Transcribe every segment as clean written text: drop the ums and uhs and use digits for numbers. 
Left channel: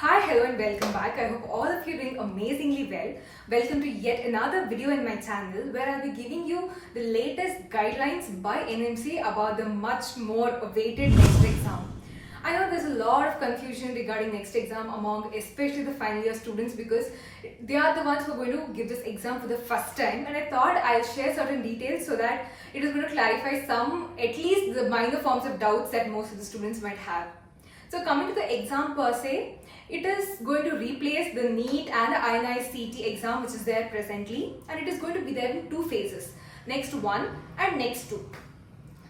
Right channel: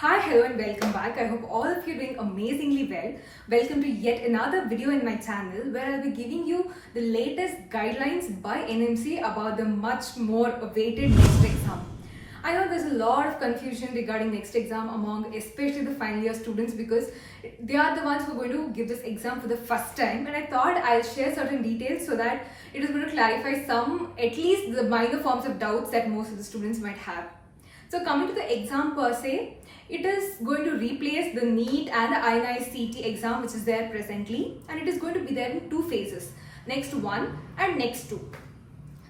Hi, hello and welcome back. I hope all of you are doing amazingly well. Welcome to yet another video in my channel where I'll be giving you the latest guidelines by NMC about the much more awaited next exam. I know there's a lot of confusion regarding next exam among especially the final year students because they are the ones who are going to give this exam for the first time, and I thought I'll share certain details so that it is going to clarify some, at least the minor forms of doubts that most of the students might have. So coming to the exam per se, it is going to replace the NEET and the INIS CET exam which is there presently, and it is going to be there in two phases, next one and next two.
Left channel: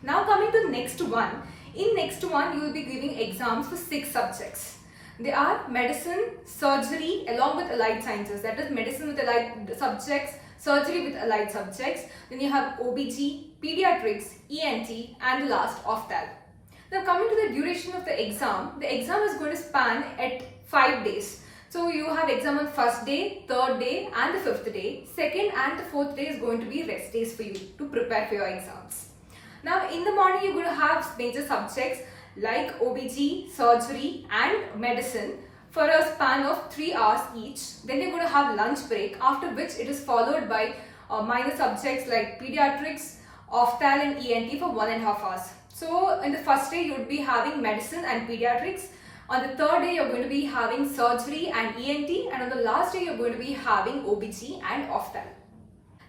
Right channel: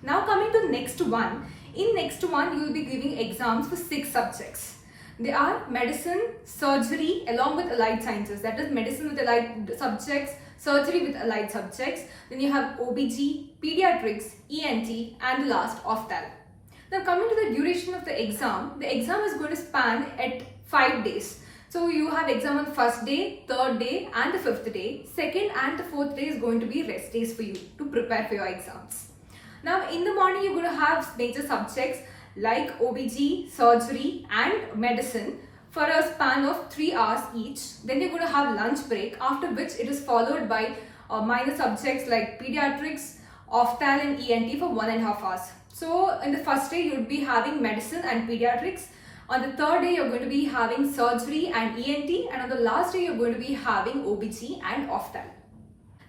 Now coming to next one, in next one you will be giving exams for 6 subjects. They are medicine, surgery along with allied sciences, that is medicine with allied subjects, surgery with allied subjects, then you have OBG, pediatrics, ENT and the last ophthalm. Now coming to the duration of the exam is going to span at 5 days. So you have exam on first day, third day and the fifth day. Second and the fourth day is going to be rest days for you to prepare for your exams. Now in the morning you're going to have major subjects like OBG, surgery and medicine for a span of 3 hours each. Then you're going to have lunch break, after which it is followed by minor subjects like pediatrics, ophthalm and ENT for 1.5 hours. So in the first day you would be having medicine and pediatrics. On the third day you're going to be having surgery and ENT, and on the last day you're going to be having OBG and ophthalm.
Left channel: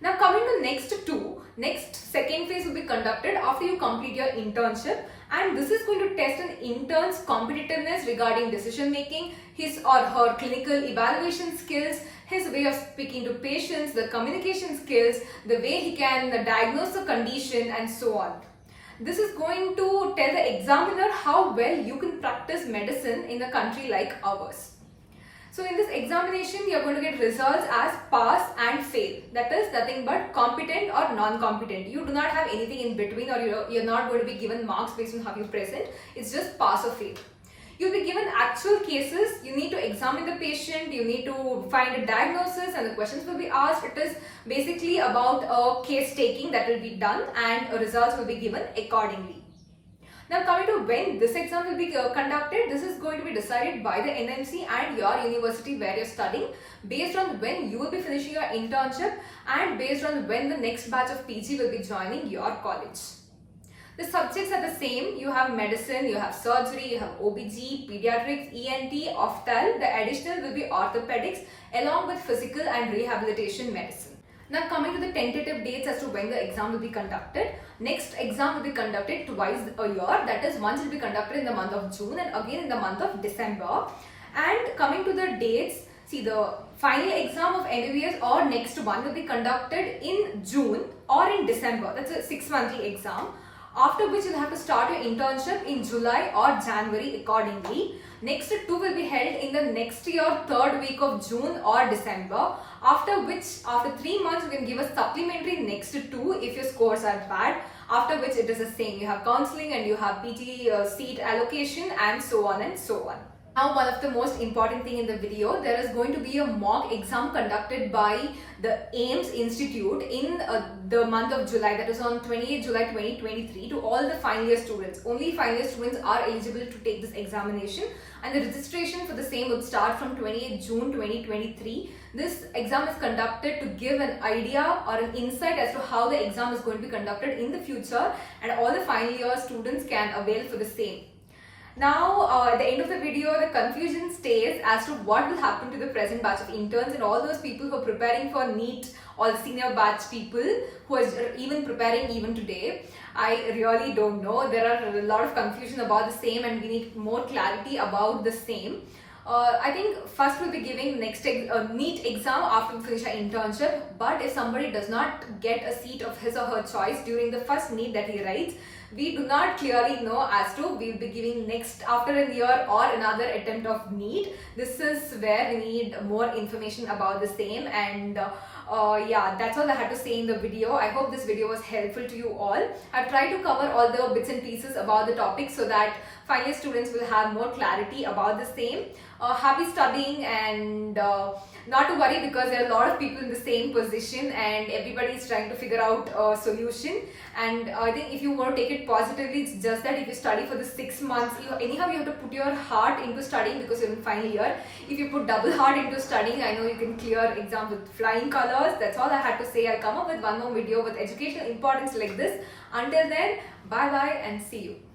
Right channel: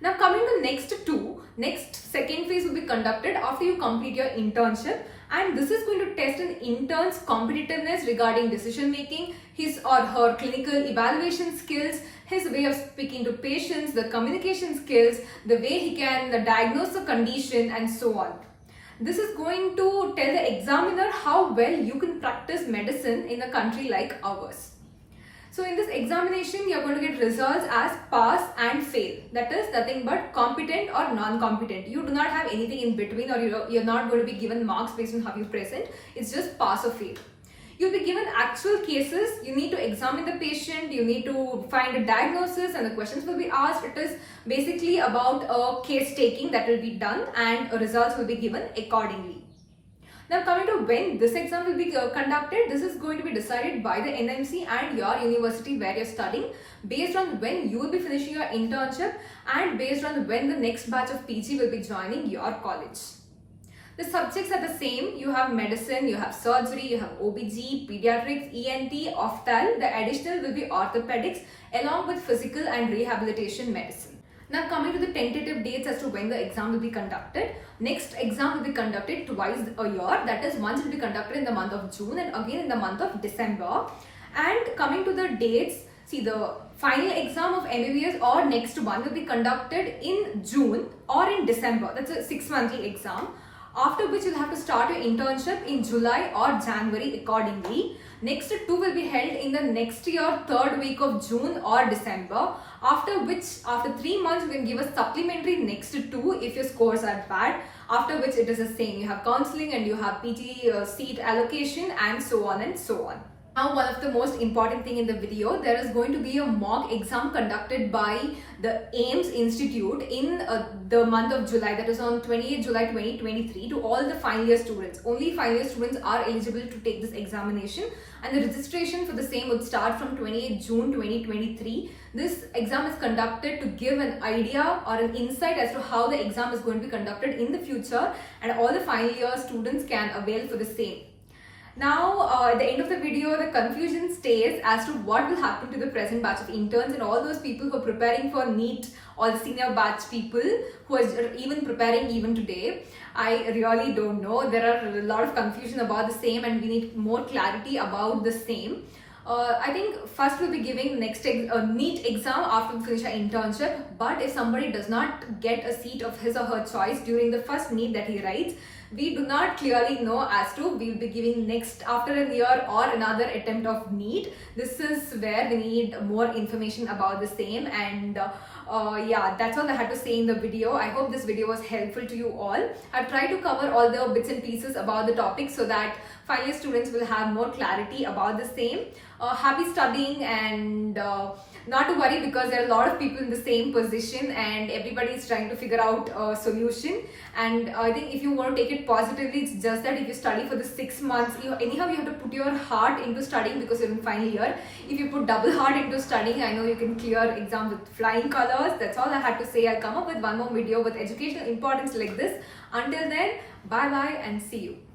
Now coming to next second phase will be conducted after you complete your internship, and this is going to test an intern's competitiveness regarding decision making, his or her clinical evaluation skills, his way of speaking to patients, the communication skills, the way he can diagnose the condition and so on. This is going to tell the examiner how well you can practice medicine in a country like ours. So in this examination, you are going to get results as pass and fail. That is nothing but competent or non-competent. You do not have anything in between, or you're not going to be given marks based on how you present. It's just pass or fail. You'll be given actual cases. You need to examine the patient, you need to find a diagnosis, and the questions will be asked. It is basically about a case taking that will be done, and results will be given accordingly. Now coming to when this exam will be conducted, this is going to be decided by the NMC and your university where you're studying, based on when you will be finishing your internship and based on when the next batch of PG will be joining your college. The subjects are the same. You have medicine, you have surgery, you have OBG, pediatrics, ENT, ophthalm. The additional will be orthopedics along with physical and rehabilitation medicine. Now coming to the tentative dates as to when the exam will be conducted. Next exam will be conducted twice a year. That is, once it will be conducted in the month of June and again in the month of December. And coming to the dates, see, the final exam of MBBS or next one will be conducted in June or in December. That's a 6-monthly exam. After which you'll have to start your internship in July or January accordingly. Next 2 will be held in the next year, 3rd week of June or December. After which, after 3 months, you can give a supplementary next 2 if your scores are bad. After which it is the same. You have counseling and you have PG seat allocation and so on and so on. Now one of the most important thing in the video, there is going to be a mock exam conducted by the AIIMS Institute in the month of July, that is on 28 July 2023, to all the final year students. Only final year students are eligible to take this examination, and the registration for the same would start from 28 June 2023. This exam is conducted to give an idea or an insight as to how the exam is going to be conducted in the future, and all the final year students can avail for the same. Now at the end of the video, the confusion stays as to what will happen to the present batch of interns and all those people who are preparing for NEET, all the senior batch people who are even preparing even today. I really don't know. There are a lot of confusion about the same and we need more clarity about the same. I think first we'll be giving next NEET exam after we finish our internship, but if somebody does not get a seat of his or her choice during the first NEET that he writes, we do not clearly know as to we'll be giving next after a year or another attempt of NEET. This is where we need more information about the same, and yeah, that's all I had to say in the video. I hope this video was helpful to you all. I've tried to cover all the bits and pieces about the topic so that final year students will have more clarity about the same. Happy studying, and not to worry, because there are a lot of people in the same position and everybody is trying to figure out a solution. And I think if you want to take it positively, it's just that if you study for the 6 months, anyhow you have to put your heart into studying because you're in final year. If you put double heart into studying, I know you can clear exam with flying colors. That's all I had to say. I'll come up with one more video with educational importance like this. Until then, bye bye and see you.